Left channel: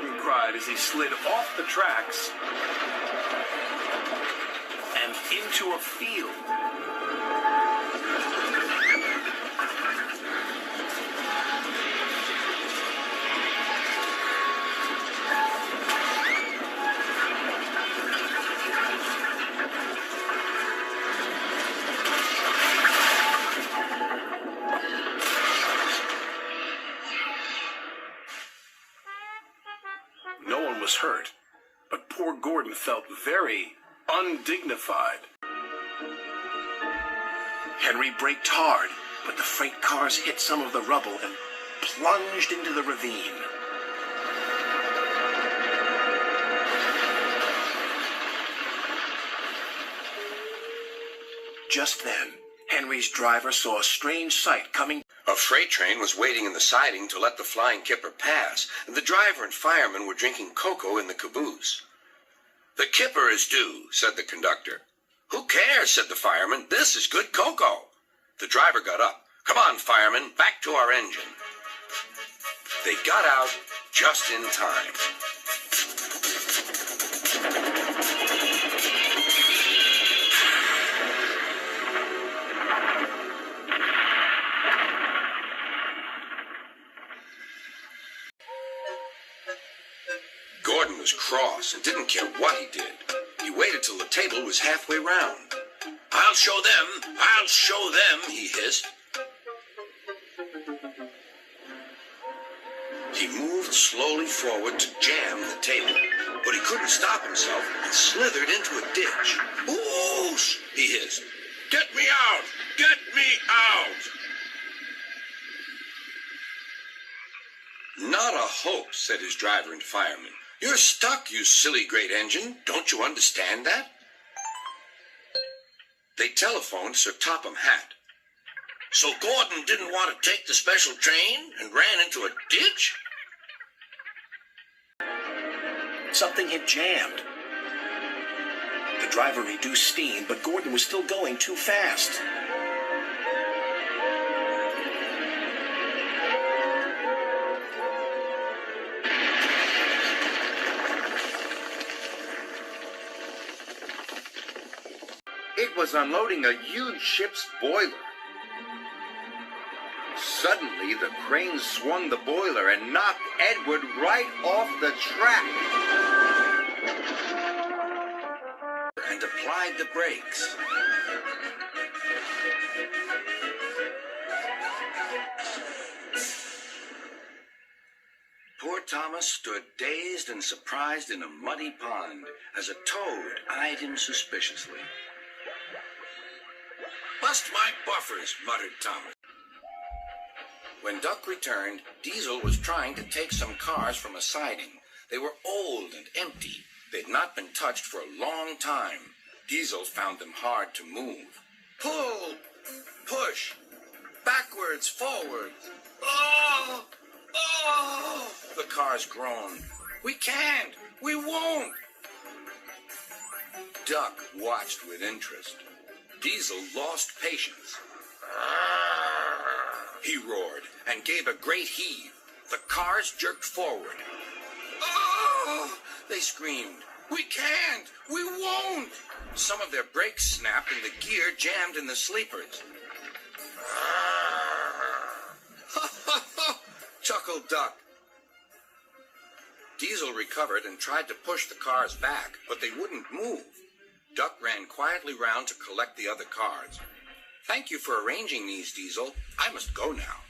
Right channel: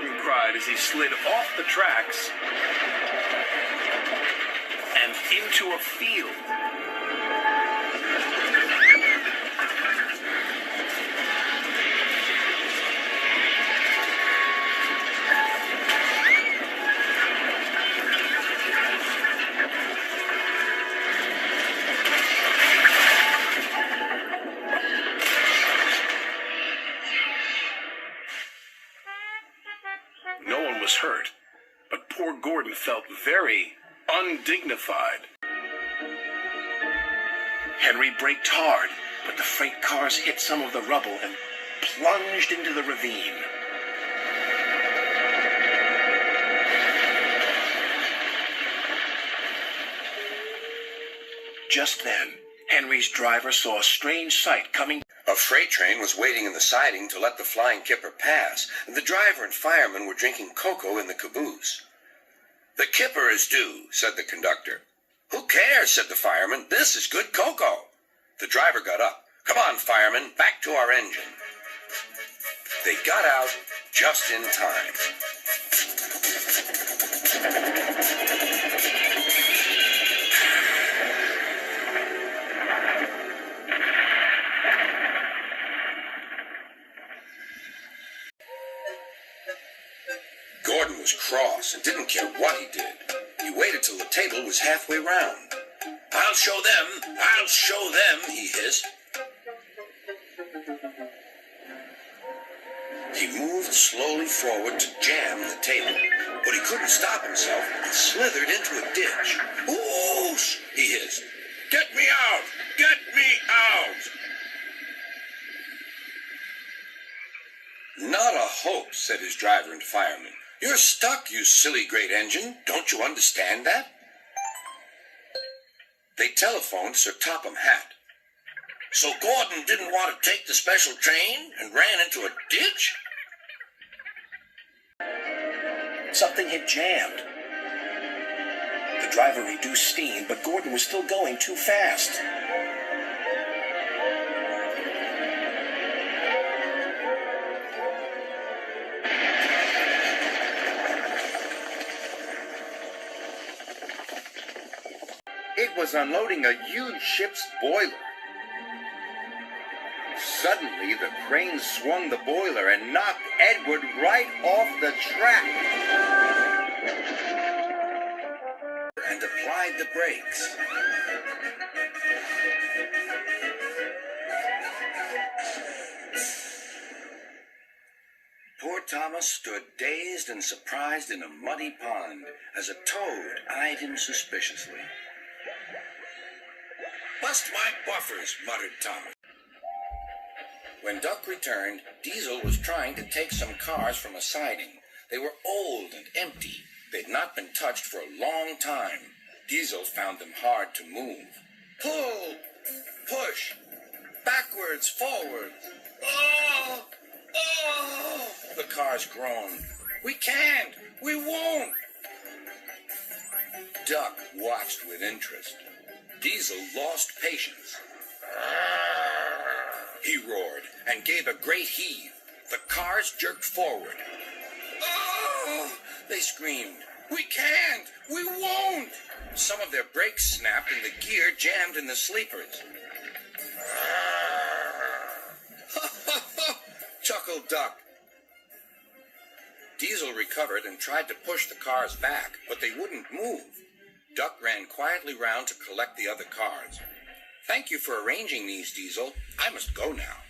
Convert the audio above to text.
Gordon cried as he slid off the tracks and into a field. No one was hurt, but poor Gordon felt very undignified. Henry braked hard, but the freight cars hit some of the rubble and plunged into the ravine. Just then, Henry's driver saw a strange sight coming. A freight train was waiting in the siding to let the flying kipper pass, and the driver and fireman were drinking cocoa in the caboose. "The kipper is due," said the conductor. "Who cares?" said the fireman. "This is good cocoa." The driver got up. "Come on, fireman, back to our engine." They got out just in time. Gordon was cross and didn't care what he did. He waited till the table was halfway round. I'll show them, he hissed. He moved slowly forward to jam the table, but he couldn't stop himself and slithered into a ditch. "Whoosh!" he hissed. "Get me out! Get me out!" "Not a hope," said his driver and fireman. "You're stuck, you silly great engine. Don't you understand that?" They telephoned Sir Topham Hatt. "So Gordon didn't want to take the special train and ran into a ditch?" Something had jammed. The driver reduced steam, but Gordon was still going too fast. It was unloading a huge ship's boiler. Suddenly, the crane swung the boiler and knocked Edward right off the track. And applied the brakes. Poor Thomas stood dazed and surprised in a muddy pond as a toad eyed him suspiciously. "Bust my buffers," muttered Thomas. When Duck returned, Diesel was trying to take some cars from a siding. They were old and empty. They'd not been touched for a long time. Diesel found them hard to move. Pull! Push! Backwards, forward! Oh! Oh! The cars groaned. "We can't! We won't!" Duck watched with interest. Diesel lost patience. He roared and gave a great heave. The cars jerked forward. "Oh!" they screamed. "We can't! We won't!" Some of their brakes snapped and the gear jammed in the sleepers. Chuckled Duck. Diesel recovered and tried to push the cars back, but they wouldn't move. Duck ran quietly round to collect the other cars. "Thank you for arranging these, Diesel. I must go now."